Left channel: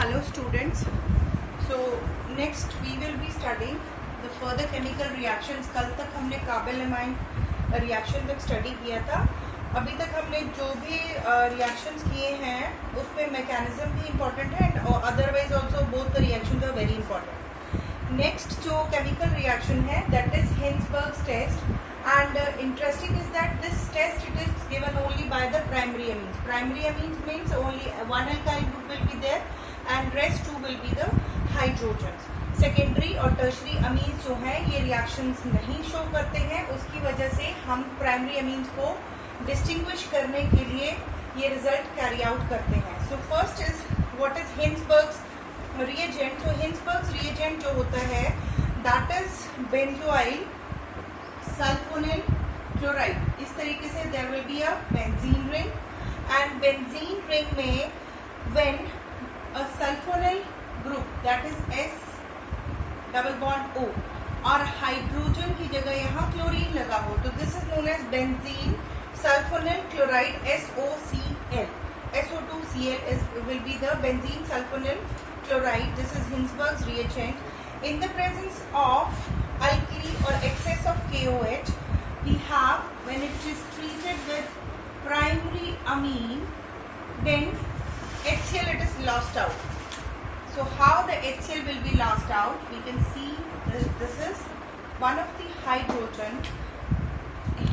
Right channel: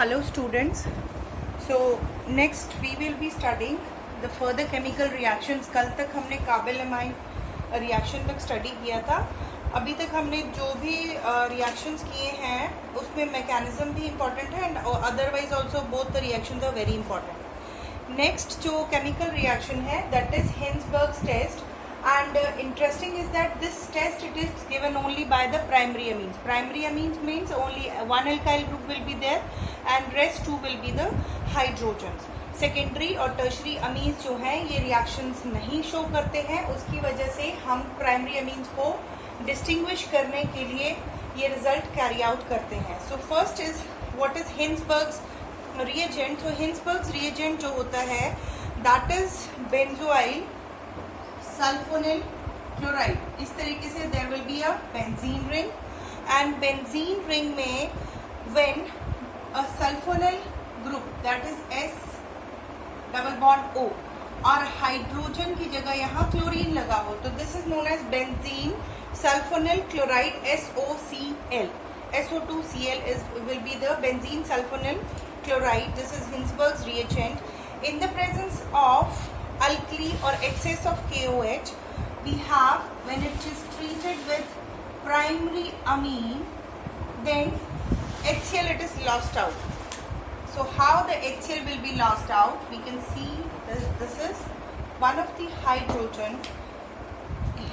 Hello students. So next we will be studying the further chemical reactions. कल तक हमने काबिल एमाइन रिएक्शन तक स्टडी किया था. अभी तक हमने जो भी रिएक्शंस किए हैं उसमें मैकेनिज्म भी इम्पोर्टेंट है and otherwise also both the reactions are very important. Next जो केमिकल रिएक्शन है that is Hinsberg's test. And interesting is that this test it is given only by the primary amines. Primary amines means only one alkyl group will be there and rest two will be the hydrogens. Secondary और tertiary amines जो हैं ये reactions नहीं show करते हैं, उसकी वजह से हम primary amines को distinguish करने के लिए ये result carry out करते हैं. So first is what is Hinsberg's reagent. So Hinsberg's reagent जो होता है that is benzoyl sulfonyl chloride. इस तरीके से there will be a benzene ring and benzene ring में when a sulfonyl group that is S double bond O और hydrogen की जगह यहाँ क्लोरीन लगा हो तो this is known as benzene sulfonyl chloride SOCl. SO2Cl is will be the benzene sulfonyl chloride. This is Hinsberg's reagent. In the presence of alkali or excess of KOH, we have when it is treated with primary amine, then HCl it is lost out. So how the HCl will be lost out? We can see this is one of the hydrogen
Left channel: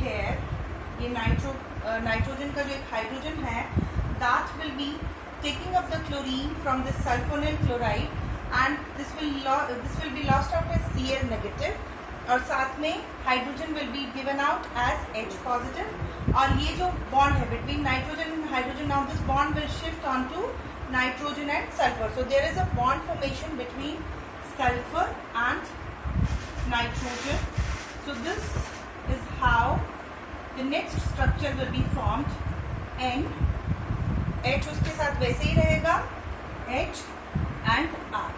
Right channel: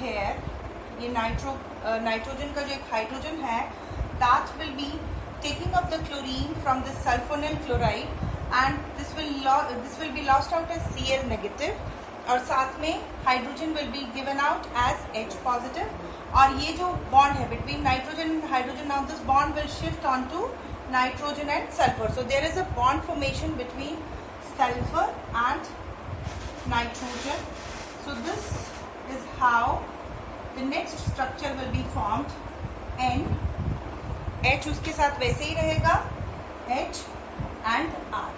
here. ये nitrogen का जो एक hydrogen है, that will be taking up the chlorine from the sulfonyl chloride. And this will be lost out as Cl negative और साथ में hydrogen will be given out as H positive और ये जो बॉन्ड है between nitrogen and hydrogen, now this bond will shift onto nitrogen and sulfur. So there is a bond formation between sulfur and nitrogen. So this is how the next structure will be formed. and H उसके साथ वैसे ही रहेगा H and R.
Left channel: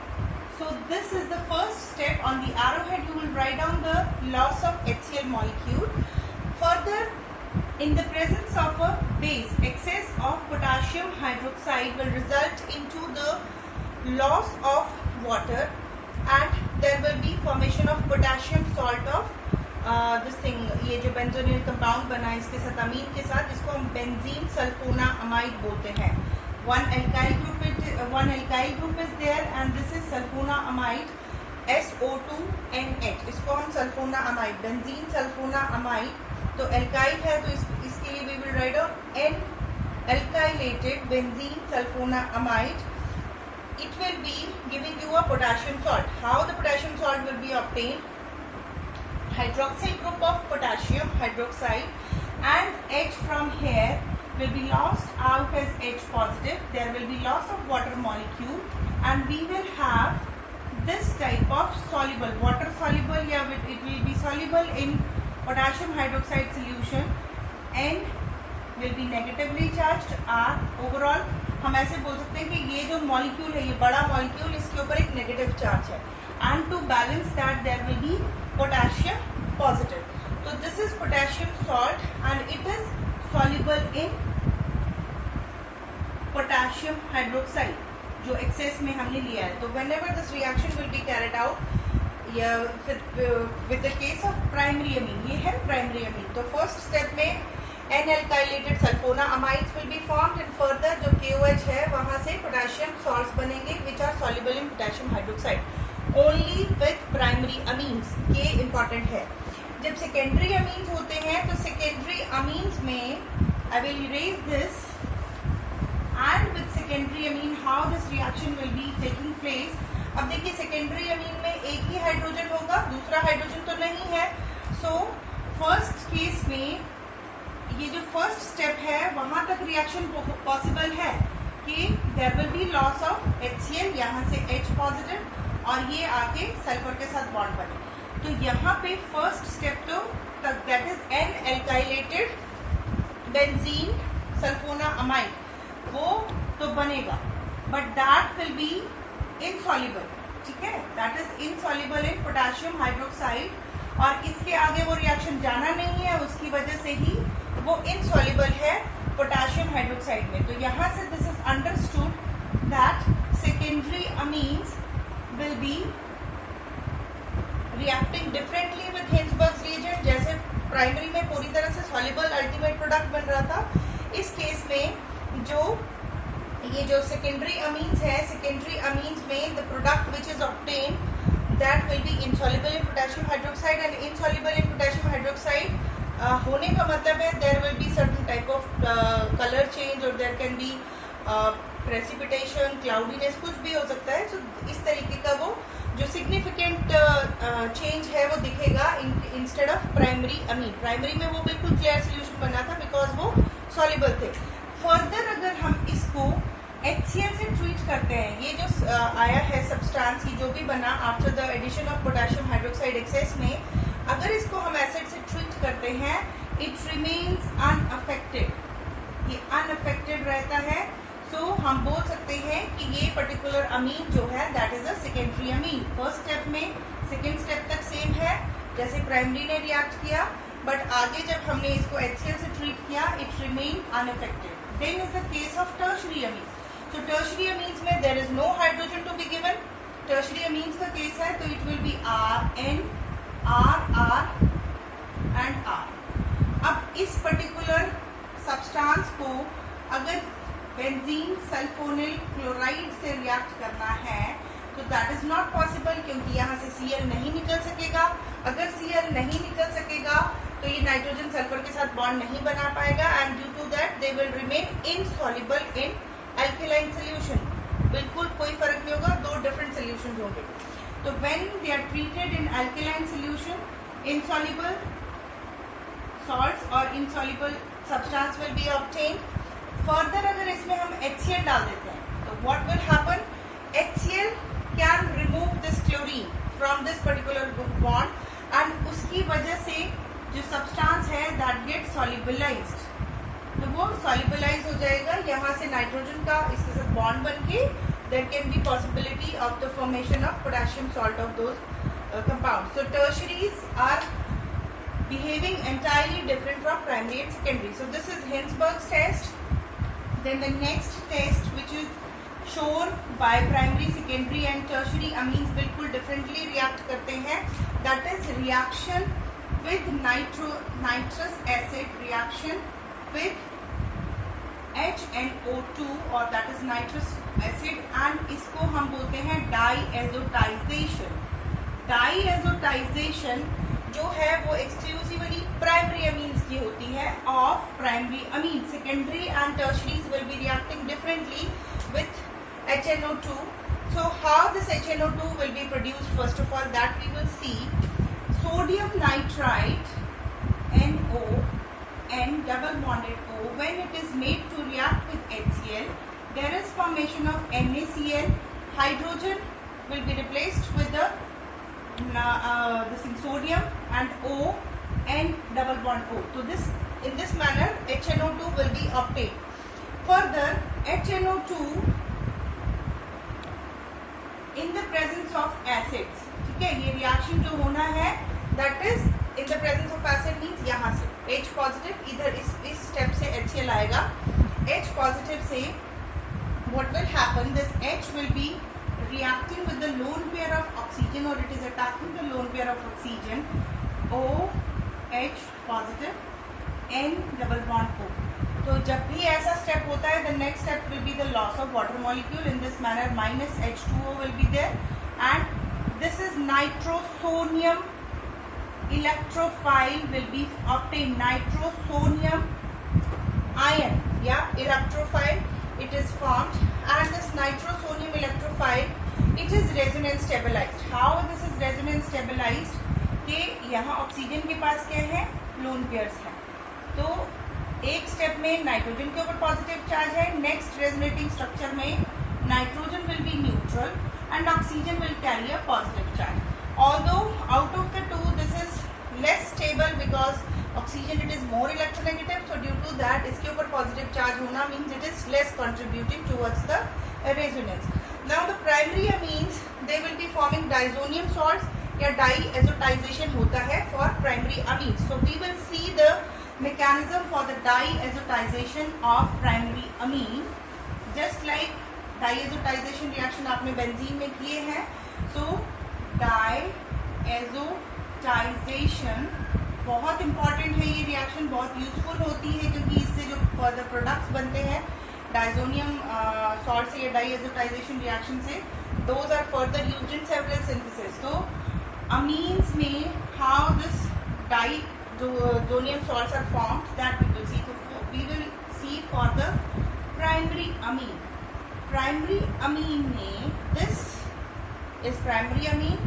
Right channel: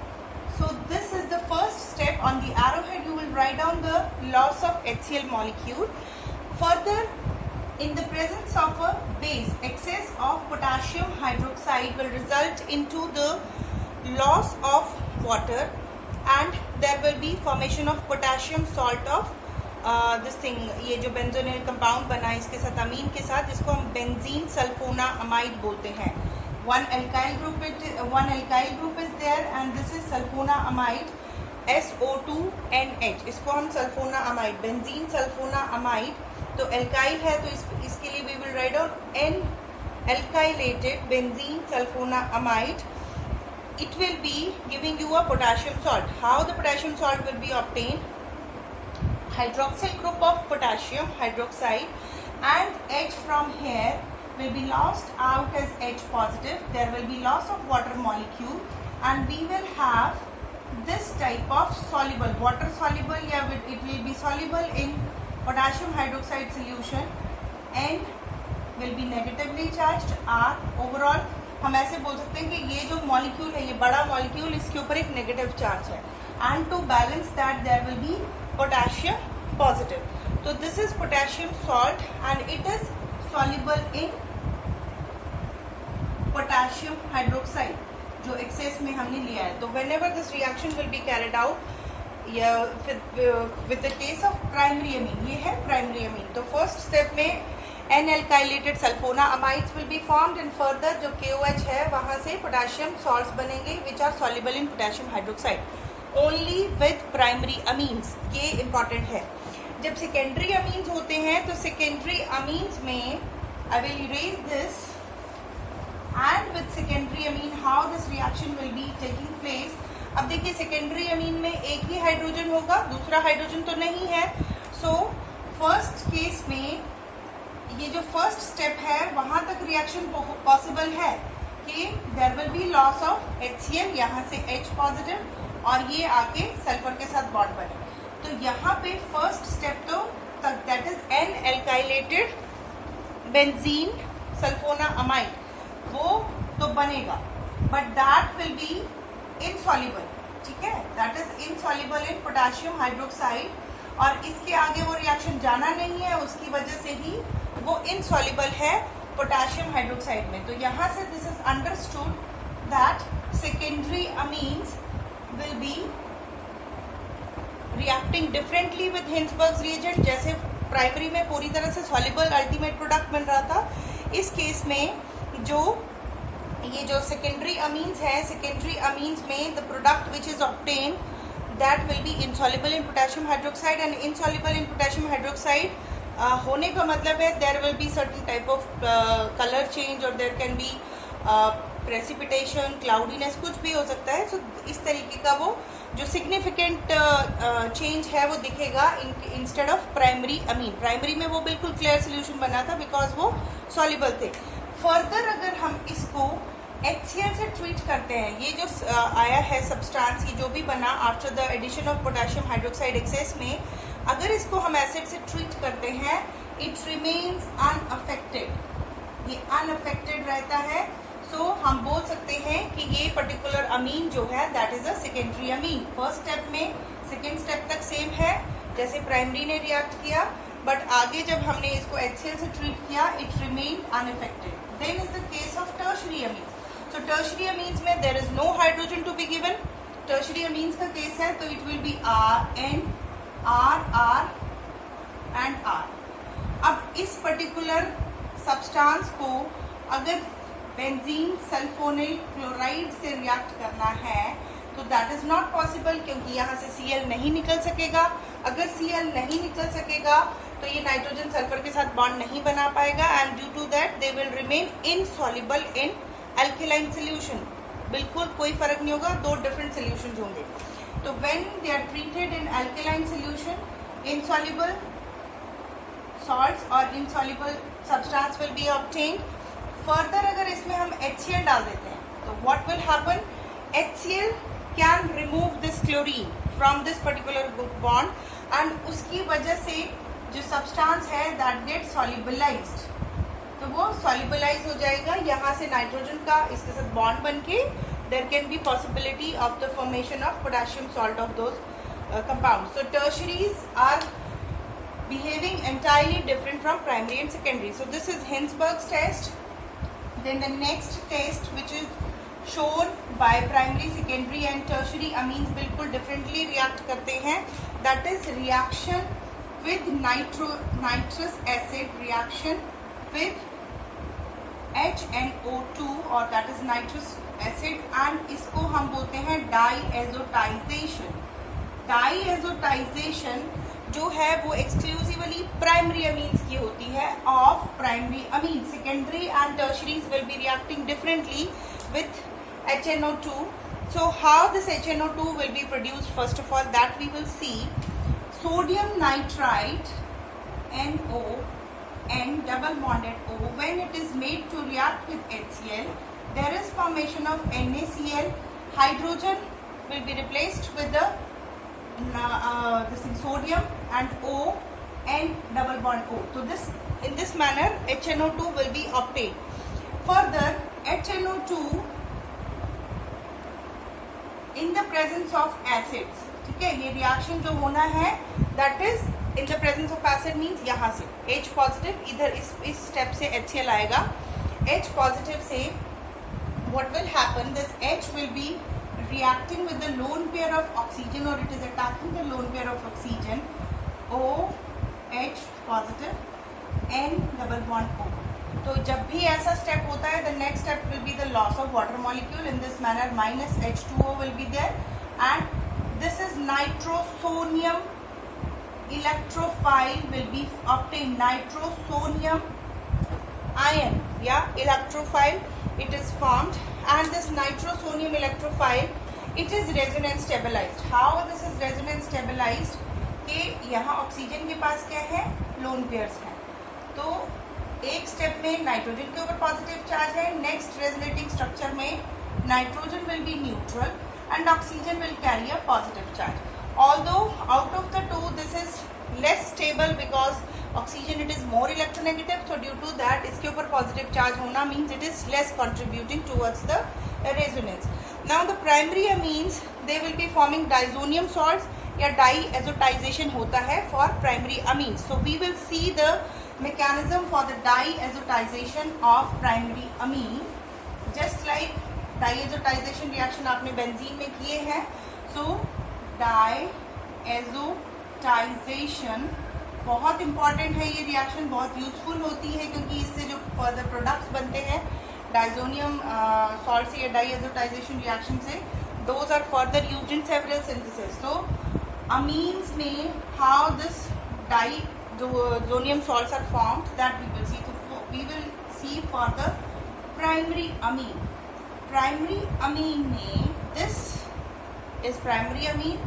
So this is the first step. On the arrowhead you will write down the loss of HCl molecule. Further, in the presence of a base, excess of potassium hydroxide will result into the loss of water and there will be formation of potassium salt of this thing. ये जो benzonyl compound बना है इसके साथ अमीन के साथ, इसको हम बेंजीन सल्फोनामाइड बोलते हैं. One alkyl group is there and this is sulfonaamide SO2NH. इसको हम सल्फोनामाइड बेंजीन सल्फोनामाइड तो alkyl है तो इसके लिए we will write out N alkylated benzene sulfonaamide. It will be giving you a potassium salt. How the potassium salt will be obtained? Hydroxyl group of potassium hydroxide and H from here will be lost out as H positive. There will be loss of water molecule and we will have this type of soluble water soluble, yeah, it will be soluble in potassium hydroxide solution and will be negatively charged. R overall हम ऐसे बोल सकते हैं कि ये जो molecule है ये बड़ा मॉलिक्यूल इसके ऊपर एक नेगेटिव चार्ज है and to balance that there will be potassium positive. So this is potassium salt and it is soluble in potassium hydroxide जो एक्सेस में हमने लिया है. तो whenever this reaction will be carried out with the case of primary amine, ये है primary amine. तो first step में N alkylated sulfonamides will be formed and further जो KOH है वहाँ से potassium salts बनेंगे which are soluble in potassium hydroxide only with primary amines. ये important है. जब secondary amines होते हैं तो secondary amines में I will erase this and with secondary amine how this reaction will be taking place. अब देखिए secondary amine में एक ही हाइड्रोजन होगा, दूसरा हाइड्रोजन तो नहीं है. So first case में ये जो first step है वहाँ तक reaction possible है कि there will be loss of HCl, यहाँ से H positive और ये आके सल्फर के साथ बॉन्ड बने. तो यहाँ पे फर्स्ट स्टेप तो that is N alkylated benzene sulfonamide वो तो बनेगा but that will be insoluble. ठीक है, that is insoluble in potassium hydroxide और इसके आगे वो रिएक्शन जाना नहीं है, उसकी वजह से ही वो इनसॉल्युबल है पोटेशियम हाइड्रोक्साइड में. तो यहाँ से this is understood that secondary amines will be reacting differently with Hinsberg's reagent. जैसे प्राइमरी में पूरी तरह से soluble ultimate product बन रहा था, इस केस में जो ये जो secondary amines है, secondary amines में the product which is obtained that will be insoluble in potassium hydroxide, and insoluble in potassium hydroxide होने का मतलब है there will be certain type of color change or there can be precipitation, cloudiness, कुछ भी हो सकता है. So इस तरीके का वो जो significant change है वो दिखेगा instead of primary amine. Primary में वो बिल्कुल clear solution बना था because वो soluble थे. Further अगर हम इसको HCl से ट्रीट करते हैं, ये जो आया है सब्सटेंस ये जो भी बना after the addition of potassium hydroxide excess में, अगर इसको हम एसिड से ट्रीट करते हैं इट रिमेन्स अनअफेक्टेड, ये अनअफेक्टेड रहता है. सो हम बोल सकते हैं कि ये पर्टिकुलर अमीन जो है that is a secondary amine. First step में सेकेंड स्टेप तक सेम है जैसे प्राइमरी ने रिएक्ट किया, बट आगे जब हमने इसको HCl से ट्रीट किया it remain unaffected. Then is the case of tertiary amine. So tertiary amines में there is no hydrogen to be given. Tertiary amines का केस है तो it will be R, N, R, R and R. अब इस particular substance को अगर benzene sulfonyl chloride से react करना है तो that is not possible क्योंकि यहाँ से Cl नहीं निकल सकेगा. अगर Cl नहीं निकल सकेगा तो ये नाइट्रोजन सल्फर के साथ बॉन्ड नहीं बना पाएगा and due to that they will remain insoluble in alkaline solution. बिल्कुल कोई फर्क नहीं होगा, दो डिफरेंट सॉल्यूशंस होंगे. तो when they are treated in alkaline solution, insoluble salts or insoluble substance will be obtained. Further अगर इसमें हम HCl डाल देते हैं तो what will happen? HCl can remove this chlorine from this particular group bond and उसकी वजह से जो substance है that gets solubilized, तो वो सॉल्युबलाइज हो जाएगा. यहाँ से नाइट्रोजन का इसके साथ बॉन्ड बनके there can be possibility of the formation of potassium salt of those compounds. So tertiaries are behaving entirely different from primary and secondary. So this is Hinsberg's test. Then the next test which is shown by primary, secondary and tertiary amines बिल्कुल differently react करते हैं. That is reaction with nitrous acid, reaction with HNO2 और that is nitrous acid, and इसको हम बोलते हैं डाईएजोटाइजेशन. डाईएजोटाइजेशन जो है वो एक्सक्लूसिवली प्राइमरी अमीन्स की होती है of primary amine. Secondary and tertiaries will be reacting differently with HNO2. So how this HNO2 will be produced? First of all that we will see. Sodium nitrite NO N double bonded O, when it is made to react with HCl, there is formation of NaCl. Hydrogen will be replaced with the this sodium and O, N double bond O. So this in this manner HNO2 will be obtained. Further, HNO2 in the presence of acids, ठीक है, ये reaction जो होना है that is in the presence of acid means यहाँ से H positive, इधर इस स्टेप से HCl आएगा. H positive से what will happen? This H will be reacting with the lone pair of oxygen or it is attacking the lone pair of oxygen. O H positive, N double bond O. तो जब भी ऐसा step होता है the next step will be the loss of water molecule. In this manner minus H2O will be there and this is nitrosonium electrophile will be obtained. Nitrosonium ion, yeah, electrophile it is formed, and this nitrosonium electrophile it is resonance stabilized. How this is resonance stabilized? कि यहाँ oxygen के पास क्या है, lone pairs है, तो एक step में nitrogen के ऊपर पॉजिटिव चार्ज है, नेक्स्ट रेजोनेटिंग स्ट्रक्चर में nitrogen will be neutral and oxygen will carry a positive charge. Although out of the two this is less stable because oxygen it is more electronegative, so due to that इसके ऊपर positive charge होना means it is less contributing towards the resonance. Now the primary amines they will be forming diazonium salts या diazotization होता है for primary amines. So we will see the mechanism for the diazotization of primary amine. Just like diazotization reaction आपने benzene में किए हैं. सो डाईएजोटाइजेशन बहुत important है. ये रिएक्शन बहुत यूजफुल होती है क्योंकि इससे जो फर्दर प्रोडक्ट्स बनते हैं डाइजोनियम सॉल्ट या डाईएजोटाइजेशन रिएक्शन से, those are further used in several synthesis. So amines में how this diazonium salts are formed, that we will see. So we will see for the primary amine. Primary amine में this is primary amine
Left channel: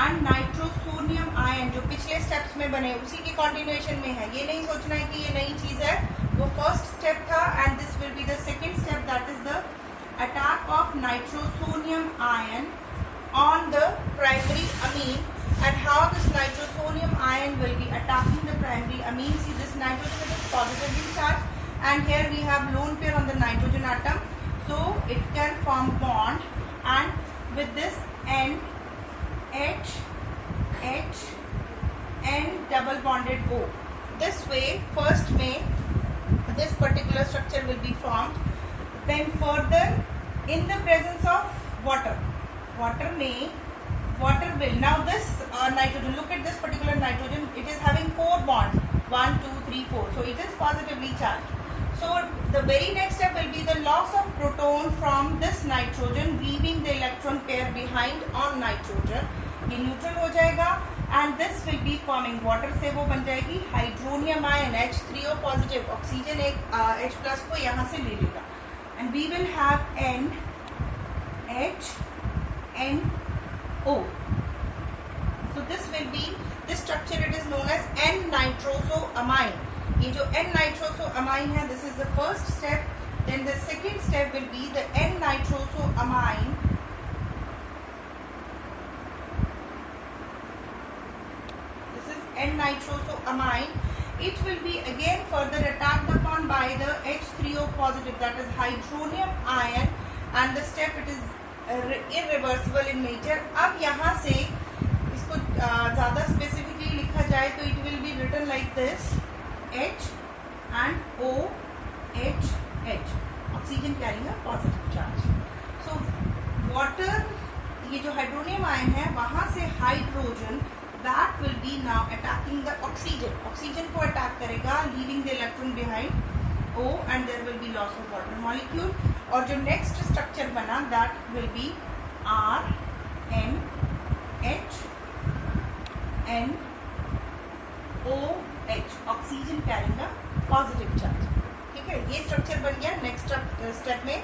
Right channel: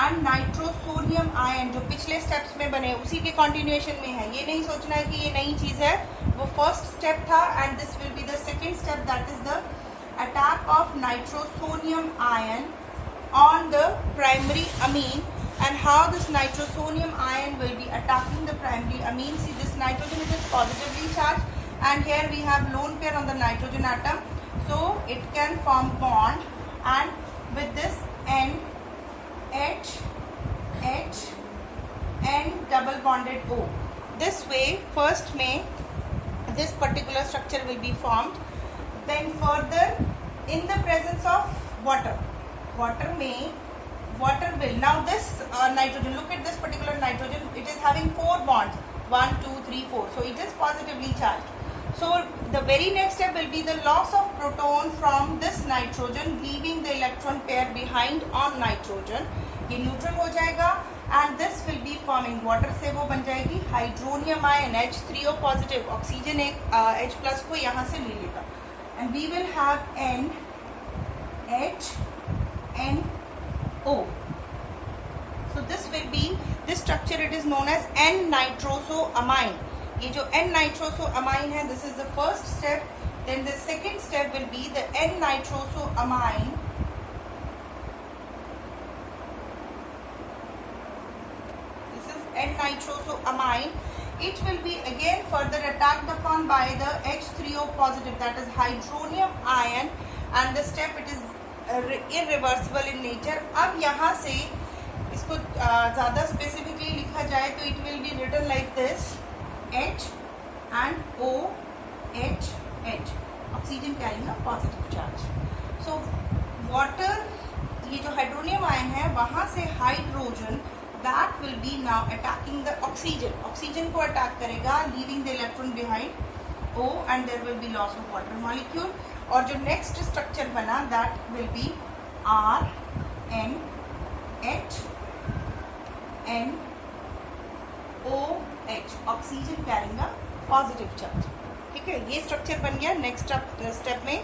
and nitrosodium ion जो पिछले steps में बने उसी के continuation में है. ये नहीं सोचना है कि ये नई चीज है, वो फर्स्ट स्टेप था and this will be the second step, that is the attack of nitrosodium ion on the primary amine. And how this nitrosodium ion will be attacking the primary amine. See, this nitrogen is positively charged and here we have lone pair on the nitrogen atom, so it can form bond and with this N double bonded O. This way first में this particular structure will be formed, then further in the presence of water में water will, now this nitrogen, look at this particular nitrogen, it is having 4 bonds, 1 2 3 4, so it is positively charged. So the very next step will be the loss of proton from this nitrogen, leaving the electron pair behind on nitrogen. ये neutral हो जाएगा and this will be forming water से वो बन जाएगी hydronium ion H3O positive. Oxygen एक H plus को यहाँ से ले लेगा and we will have NHNO. So this will be this structure, it is known as N-nitrosoamine. ये जो N-nitrosoamine है, this is the first step. Then the second step will be the N-nitrosoamine. This is N-nitrosoamine. It will be again further attacked upon by the H3O positive, that is hydronium ion, and the step it is irreversible in nature. अब यहाँ से इसको ज़्यादा specifically लिखा जाए तो it will be written like this, H and OH. Oxygen carrying a positive charge. So water, ये जो हाइड्रोनियम आयन है वहाँ से hydrogen that will be now attacking the oxygen. Oxygen को अटैक करेगा, leaving the electron behind O, and there will be loss of water molecule. और जो next structure बना that will be RNHNOH, oxygen carrying a positive charge. ठीक है, ये structure बन गया नेक्स्ट स्टेप में.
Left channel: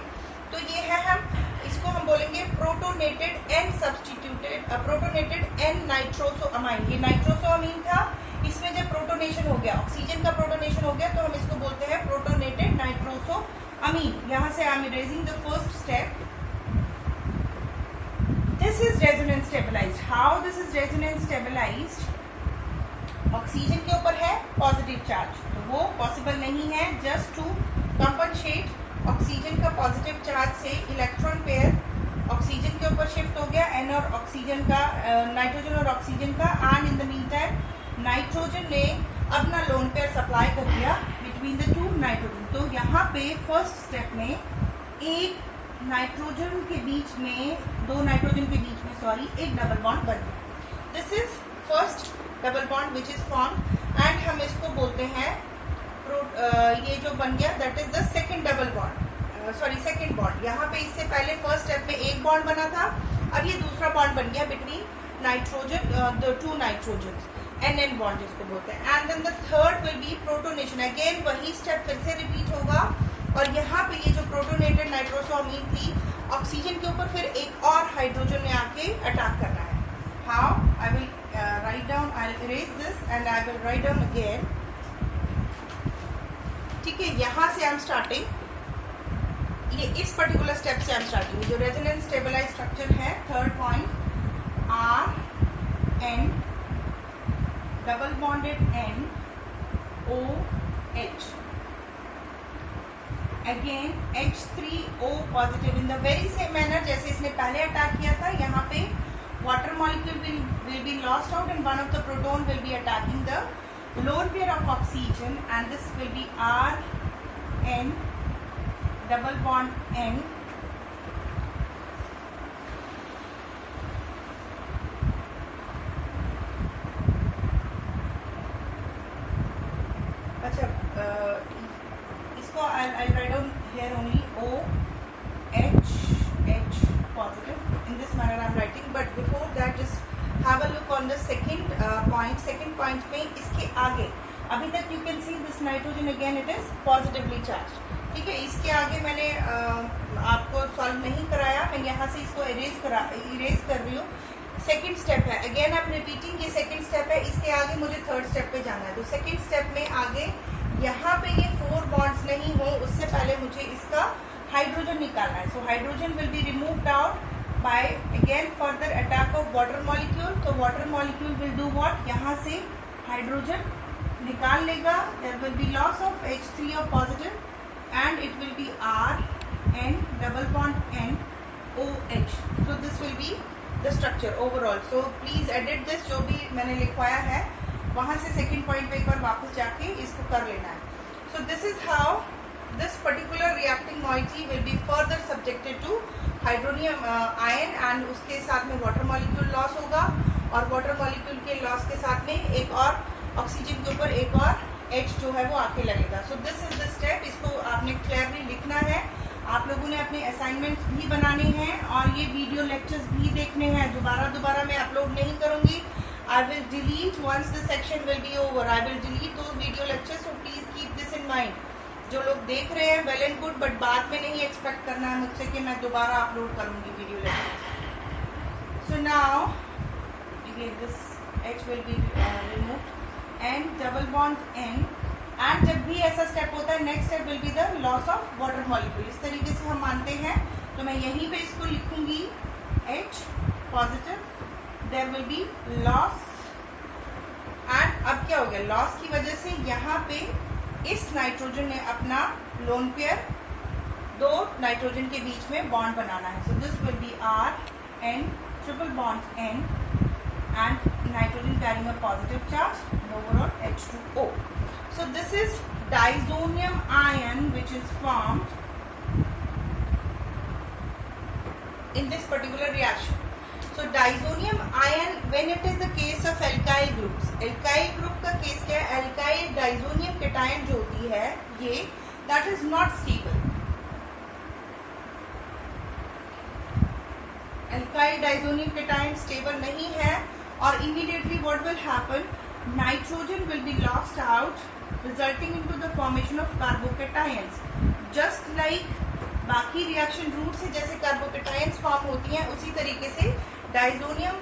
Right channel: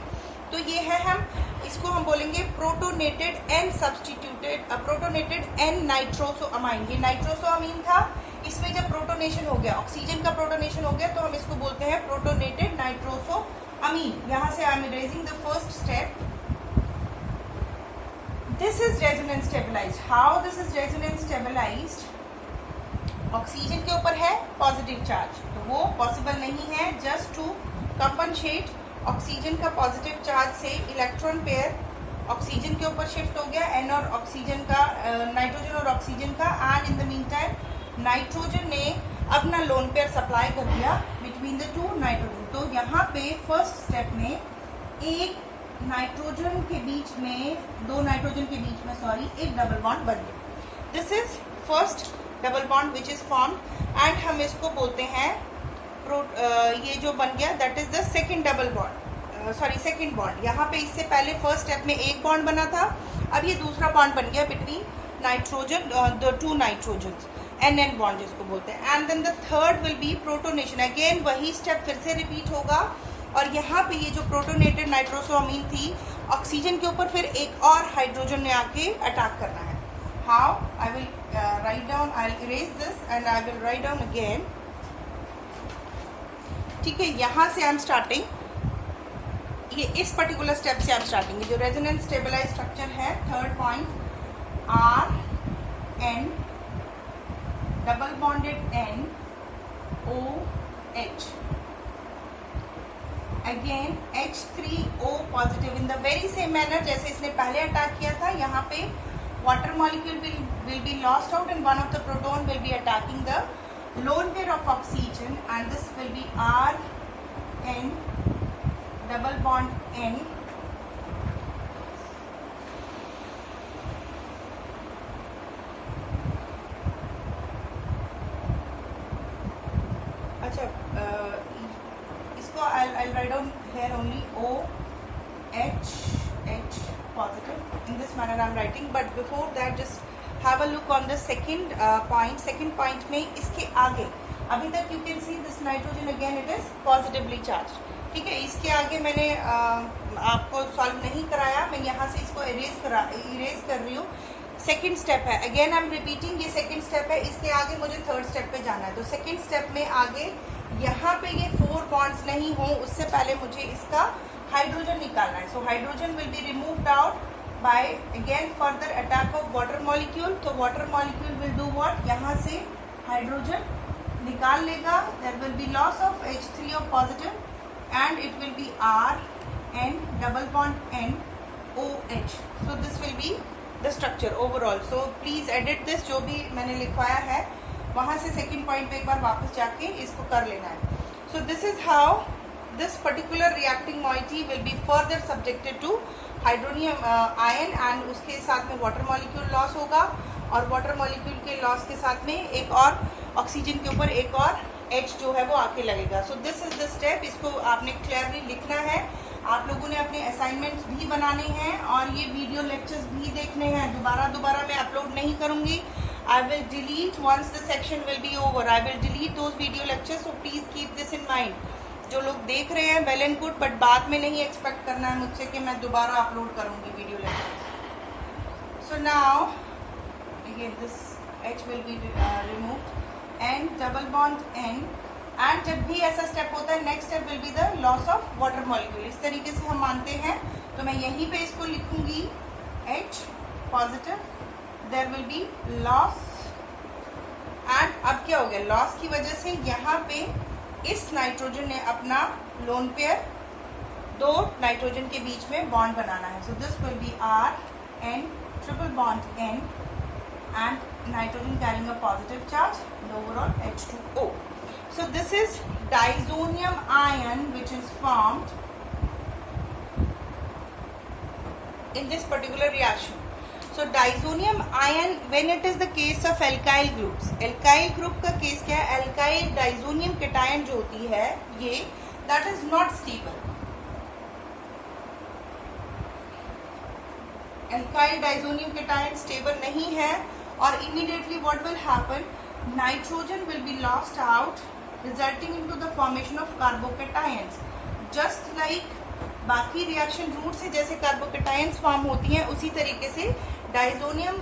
तो ये है, हम इसको हम बोलेंगे protonated N substituted protonated N nitrosamine. ये नाइट्रोसोअमीन था, इसमें जब प्रोटोनेशन हो गया, ऑक्सीजन का प्रोटोनेशन हो गया, तो हम इसको बोलते हैं प्रोटोनेटेड नाइट्रोसोअमीन. यहाँ से I am erasing the first step. This is resonance stabilized. How this is resonance stabilized? Oxygen के ऊपर है पॉजिटिव चार्ज, तो वो पॉसिबल नहीं है. जस्ट टू कंपनसेट ऑक्सीजन का पॉजिटिव चार्ज से इलेक्ट्रॉन पेयर ऑक्सीजन के ऊपर शिफ्ट हो गया, एन और ऑक्सीजन का, नाइट्रोजन और ऑक्सीजन का. And in the mean time nitrogen ने अपना लोन पेयर सप्लाई कर दिया बिटवीन द टू नाइट्रोजन. तो यहाँ पे फर्स्ट स्टेप में एक नाइट्रोजन के बीच में, दो नाइट्रोजन के बीच में एक डबल बॉन्ड बन गया. This is first double bond which is form and हम इसको बोलते हैं ये जो बन गया that is the second double bond, second bond. यहाँ पे इससे पहले फर्स्ट स्टेप में एक बॉन्ड बना था, अब ये दूसरा बॉन्ड बन गया between nitrogen, the two nitrogen, NN bond जिसको बोलते हैं. And then the third will be protonation. Again वही स्टेप फिर से रिपीट होगा और यहाँ पे ये जो प्रोटोनेटेड नाइट्रोसोअमीन थी, ऑक्सीजन के ऊपर फिर एक और हाइड्रोजन ने आके अटैक करना है. How? I will write down, I will erase this and I will write down again. ठीक है, यहाँ से आई एम स्टार्टिंग, ये इस पर्टिकुलर स्टेप से आई एम स्टार्टिंग. जो रेजोनेंस स्टेबलाइज स्ट्रक्चर है, third point, RN double bonded NOH. Again H3O positive in the very same manner जैसे इसने पहले अटैक किया था. यहाँ पे water molecule will be lost out and one of the proton will be attacking the lone pair of oxygen, and this will be RN double bond N I'm writing, but before that just have a look on the second point. Second point में इसके आगे अभी तक you can see this nitrogen again it is positively charged. ठीक है, इसके आगे मैंने आपको सॉल्व नहीं कराया, मैं यहाँ से इसको इरेज कर रही हूँ. सेकंड स्टेप है, अगेन आई एम रिपीटिंग, ये सेकंड स्टेप है, इसके आगे मुझे थर्ड स्टेप पे जाना है. तो सेकंड स्टेप में आगे यहाँ पे ये 4 बॉन्ड्स नहीं हो उससे पहले मुझे इसका हाइड्रोजन निकालना है. So hydrogen will be removed out by again further attack of water molecule. तो water molecule will do what, यहाँ से हाइड्रोजन निकाल लेगा. There will be loss of H3O positive and it will be R N double bond N OH. So this will be the structure overall. So please edit this, जो भी मैंने लिखवाया है वहाँ से सेकंड पॉइंट पे एक बार वापस जाके इसको कर लेना है. So this is how this particular reacting moiety will be further subjected to hydronium ion and उसके साथ में water molecule loss होगा और water molecule के loss के साथ में एक और ऑक्सीजन के ऊपर एक और H जो है वो आके लगेगा. सो दिस इज द स्टेप. इसको आपने क्लियरली लिखना है. आप लोगों ने अपने असाइनमेंट्स भी बनाने हैं और ये वीडियो लेक्चर्स भी देखने हैं. दोबारा मैं अपलोड नहीं करूंगी. I will delete once the section will be over. I will delete those video lectures. So please keep this in mind. जो लोग देख रहे हैं वेल एंड गुड, बट बाद में नहीं एक्सपेक्ट करना है मुझसे कि मैं दोबारा अपलोड करूंगी video lecture. So now again this H will be removed N double bond N and जब भी ऐसा स्टेप होता है next step will be the loss of water molecule. इस तरीके से हम मानते हैं. तो मैं यहीं पे इसको लिखूंगी H positive, there will be loss. And अब क्या हो गया, लॉस की वजह से यहाँ पे इस नाइट्रोजन ने अपना लोन पेयर 2 नाइट्रोजन के बीच में बॉन्ड बनाना है. So this will be R N triple bond N and nitrogen carrying a positive charge and overall H2O. So this is disonium ion which is formed in this particular reaction. So disonium ion when it is the case of alkyl groups. Alkyl group का case क्या है, alkyl disonium cation जो होती है ये that is not stable. Alkyl disonium cation stable नहीं है और immediately what will happen, nitrogen will be lost out resulting into the formation of carbocations. Just like बाकी रिएक्शन रूट से जैसे कार्बोकेटायंस फॉर्म होती हैं उसी तरीके से डाइजोनियम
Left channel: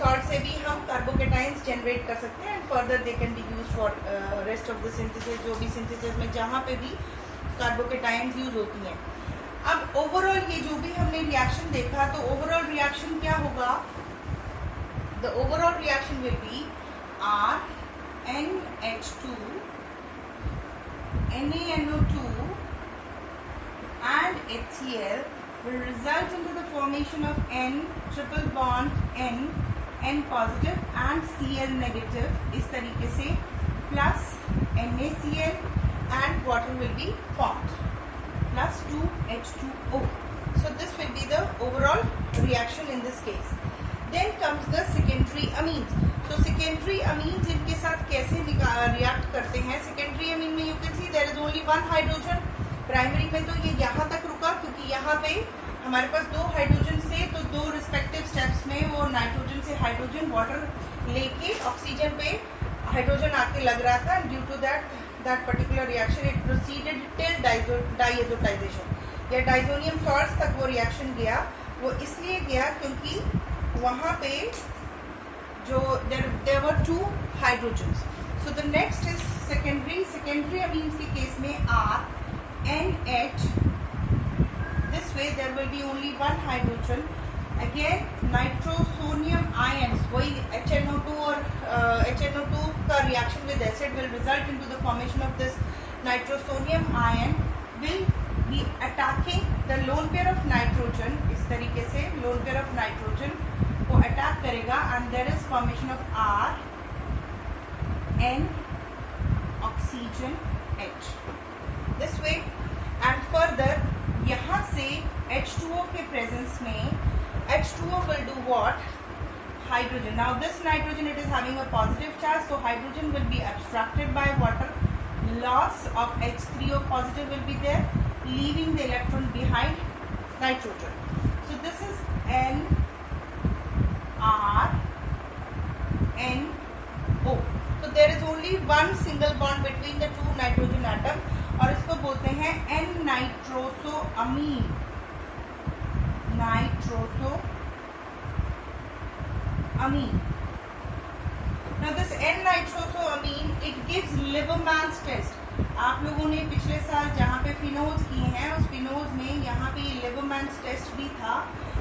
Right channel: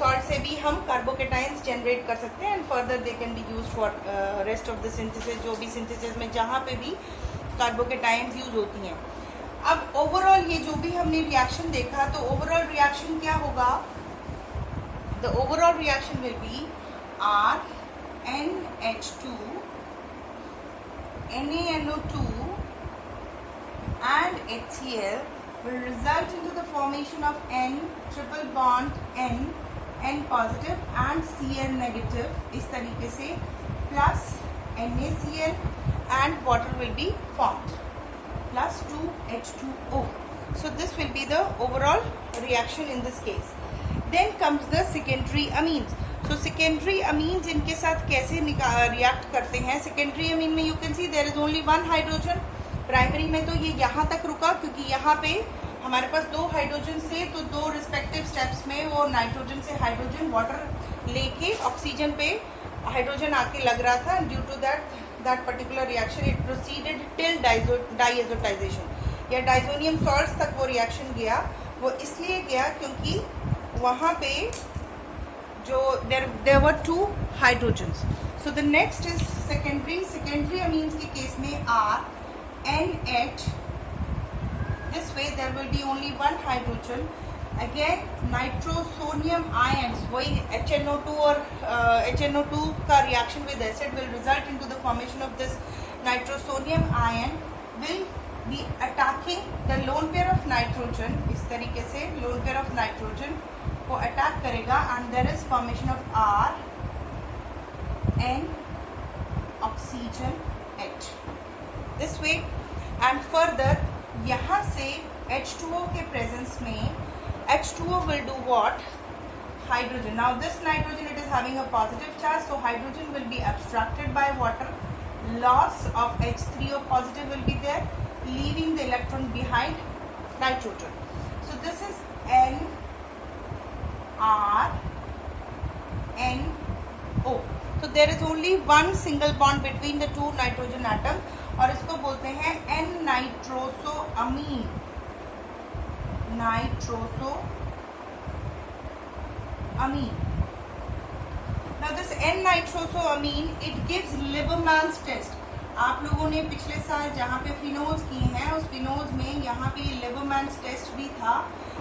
सॉल्ट से भी हम कार्बोकेटायंस जनरेट कर सकते हैं and further they can be use for rest of the synthesis. जो भी सिंथेसिस में जहाँ पे भी कार्बोकेटायंस यूज होती हैं. अब ओवरऑल ये जो भी हमने रिएक्शन देखा तो ओवरऑल रिएक्शन क्या होगा, the overall reaction will be R NH2 NaNO2 and HCl will result into the formation of N triple bond N positive and Cl negative इस तरीके से plus NaCl and water will be formed plus 2H2O. So this will be the overall reaction in this case. Then comes the secondary amines. So secondary amines इनके साथ कैसे react करते हैं. secondary amine में you can see there is only one hydrogen. Primary में तो ये यहाँ तक रुका क्योंकि यहाँ पे हमारे पास 2 हाइड्रोजन से तो 2 रिस्पेक्टिव स्टेप्स में वो नाइट्रोजन से हाइड्रोजन वाटर लेके ऑक्सीजन पे हाइड्रोजन आके लग रहा था. Due to that particular reaction it proceeded till diazotization या डाइजोनियम सॉल्ट्स तक वो रिएक्शन गया. वो इसलिए गया क्योंकि वहाँ पे जो there were 2 hydrogens. So the next is secondary amines के केस में R NH. This way there will be only one hydrogen. Again nitrosonium ions वही HNO2 और HNO2 का reaction with acid will result into the formation of this nitrosonium ion will be attacking the lone pair of nitrogen. इस तरीके से lone pair of nitrogen को attack करेगा and there is formation of R N oxygen H this way and further यहाँ से H2O के presence में H2O will do what, hydrogen. Now this nitrogen it is having a positive charge, so hydrogen will be abstracted by water. Loss of H3O positive will be there, leaving the electron behind nitrogen. So this is N only one single bond between the two nitrogen atom, और इसको बोलते हैं N नाइट्रोसोअमीन, नाइट्रोसोअमीन। Now this N-nitrosoamine it gives Lieberman's test. आप लोगों ने पिछले साल जहाँ पे फिनोल्स किए हैं उस फिनोल्स में यहाँ पे Lieberman's test भी था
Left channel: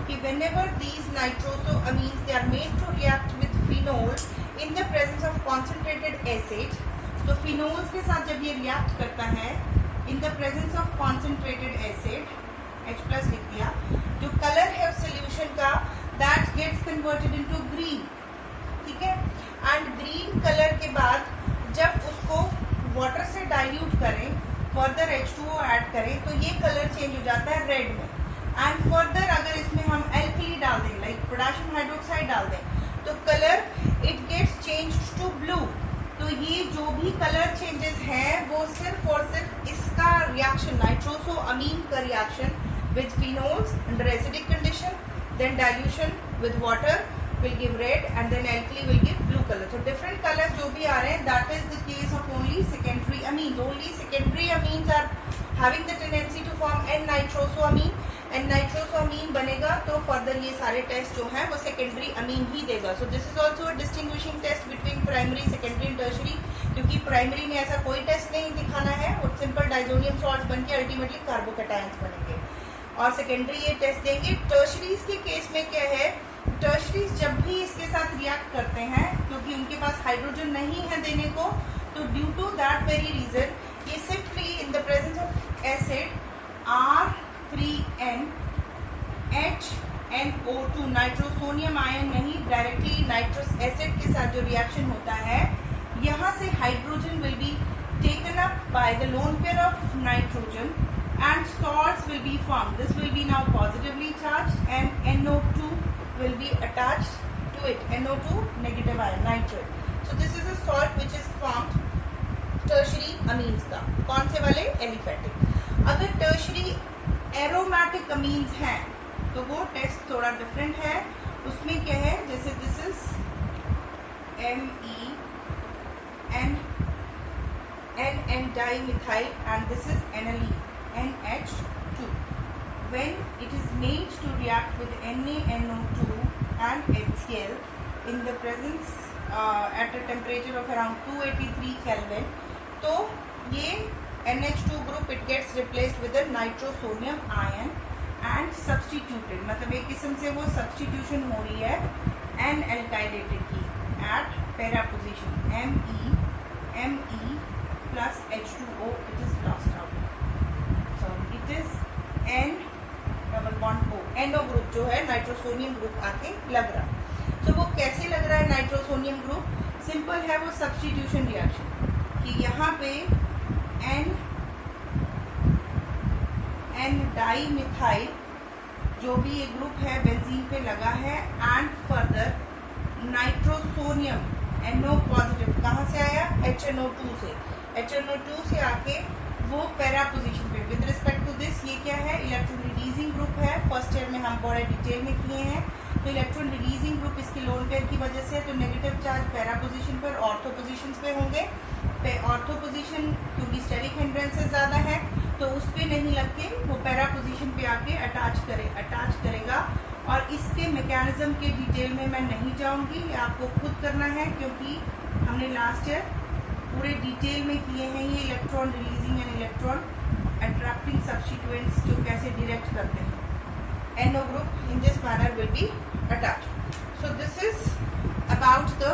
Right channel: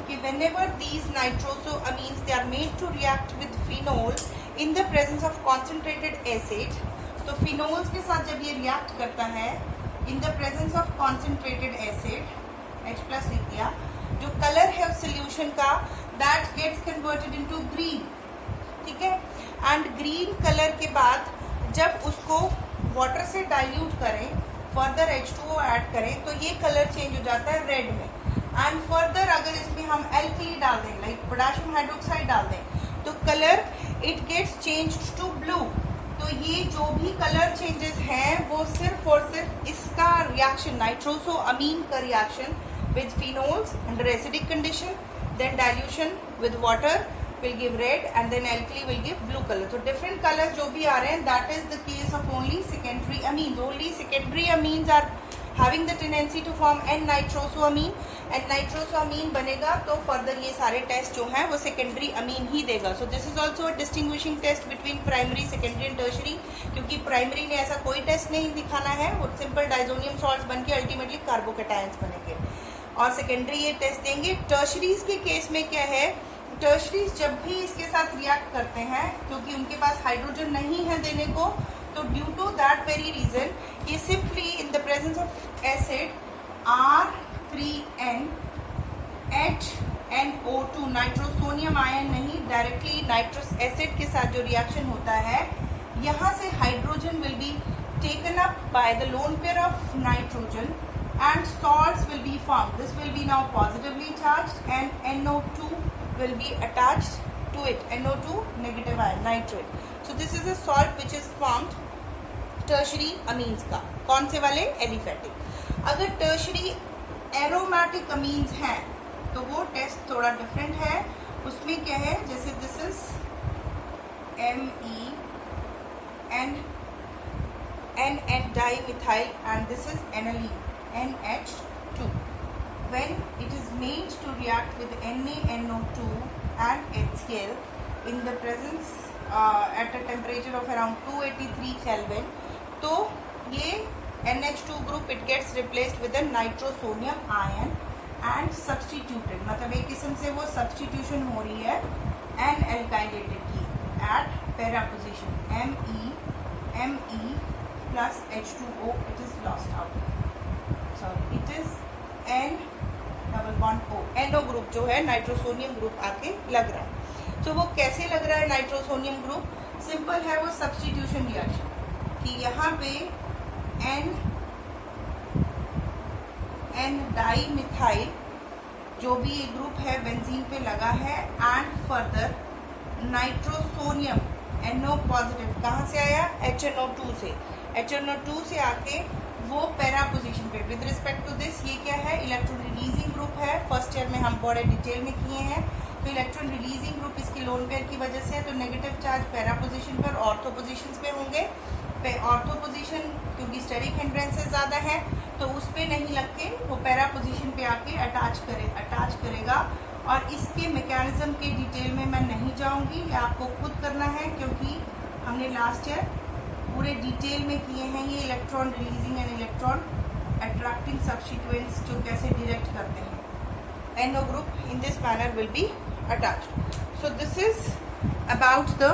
कि whenever these nitrosoamines they are made to react with phenol in the presence of concentrated acid, तो फिनोल्स के साथ जब ये रिएक्ट करता है in the presence of concentrated acid, H+ लिख दिया, जो कलर है उस सोल्यूशन का that gets converted into green, ठीक है। एंड ग्रीन कलर के बाद जब उसको वाटर से डाइल्यूट करें, फर्दर H2O ऐड करें, तो ये कलर चेंज हो जाता है रेड में। एंड फर्दर अगर इसमें हम एल्कली डाल दें, लाइक पोटेशियम हाइड्रोक्साइड डाल दें, तो colour it gets changed to blue. तो ये जो भी कलर चेंजेस हैं वो सिर्फ और सिर्फ इसका रिएक्शन, नाइट्रोसोअमीन का reaction with phenols under acidic condition, then dilution with water will give red and then alkali will give blue color. So different colors जो भी आ रहे हैं that is the case of only secondary amines. Only secondary amines are having the tendency to form N-nitrosoamine, and nitrosoamine बनेगा तो further ये सारे test जो हैं वो secondary amine ही देगा. So this is also a distinguishing test between primary, secondary and tertiary, क्योंकि primary ने ऐसा कोई टेस्ट नहीं दिखाना है, वो simple diazonium salts बन के ultimately carbocations बनेंगे, और secondary ये टेस्ट देंगे. Tertiaries के केस में क्या है, टर्शरीज जब भी इसके साथ रिएक्ट करते हैं क्योंकि उनके पास हाइड्रोजन नहीं है देने को, तो due to that very reason ये simply in the presence of acid R3NHNO2 nitrosonium ion नहीं, डायरेक्टली नाइट्रस एसिड के साथ जो रिएक्शन होता है, यहाँ से hydrogen will be taken up by the lone pair of nitrogen and salts will be formed. This will be now positively charged and NO2 will be attached to it, NO2 negative ion, nitrate. So this is a salt which is formed tertiary amines का. कौन से वाले? Aliphatic. अगर tertiary aromatic amines हैं तो वो test थोड़ा different है. उसमें क्या है, जैसे this is MEN dimethyl and this is aniline NH2. When it is made to react with NaNO2 and HCl in the presence at a temperature of around 283 Kelvin, तो ये NH2 group it gets replaced with a nitrosonium ion and substituted, मतलब एक किस्म से वो substitution हो रही है N-alkylated की at para position Me plus H2O, it is lost out. So it is N double bond O, endo group जो है नाइट्रोसोनियम ग्रुप आके लग रहा. तो वो कैसे लग रहा है नाइट्रोसोनियम ग्रुप? सिंपल है, वो सब्स्टिट्यूशन रिएक्शन कि यहाँ पे N डाइमिथाइल जो भी ये ग्रुप है बेंजीन पे लगा है, and further nitrosonium NO positive कहाँ से आया? HNO2 से. HNO2 से आके वो पैरा पोजीशन पे. विद रिस्पेक्ट टू दिस ये क्या है? इलेक्ट्रॉन रिलीजिंग ग्रुप है. फर्स्ट ईयर में हम बड़े डिटेल में किए हैं. तो इलेक्ट्रॉन रिलीजिंग ग्रुप इसकी लोन पेयर की वजह से, तो नेगेटिव चार्ज पैरा पोजीशन पर ऑर्थो पोजीशन पे होंगे. ऑर्थो पोजीशन क्योंकि स्टेरिक हिंड्रेंसेस ज्यादा है तो उस पे नहीं लग के वो पैरा पोजीशन पे आके अटैच करेगा. और इसके मैकेनिज्म के डिटेल में मैं नहीं जाऊंगी, ये आपको खुद करना है क्योंकि हमने लास्ट ईयर पूरे डिटेल में किए हैं ये electron releasing and electron attracting substituents जो कैसे डायरेक्ट करते हैं. NO group in this manner will be attached. So this is about the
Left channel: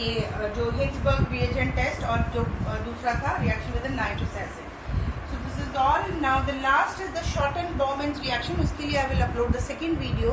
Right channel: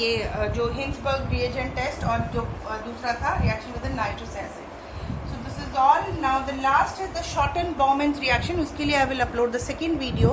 ये जो Hinsberg reagent test और जो दूसरा था reaction with the nitrous acid. So this is all. Now the last is the Schotten-Bauman's reaction. उसके लिए I will upload the second video.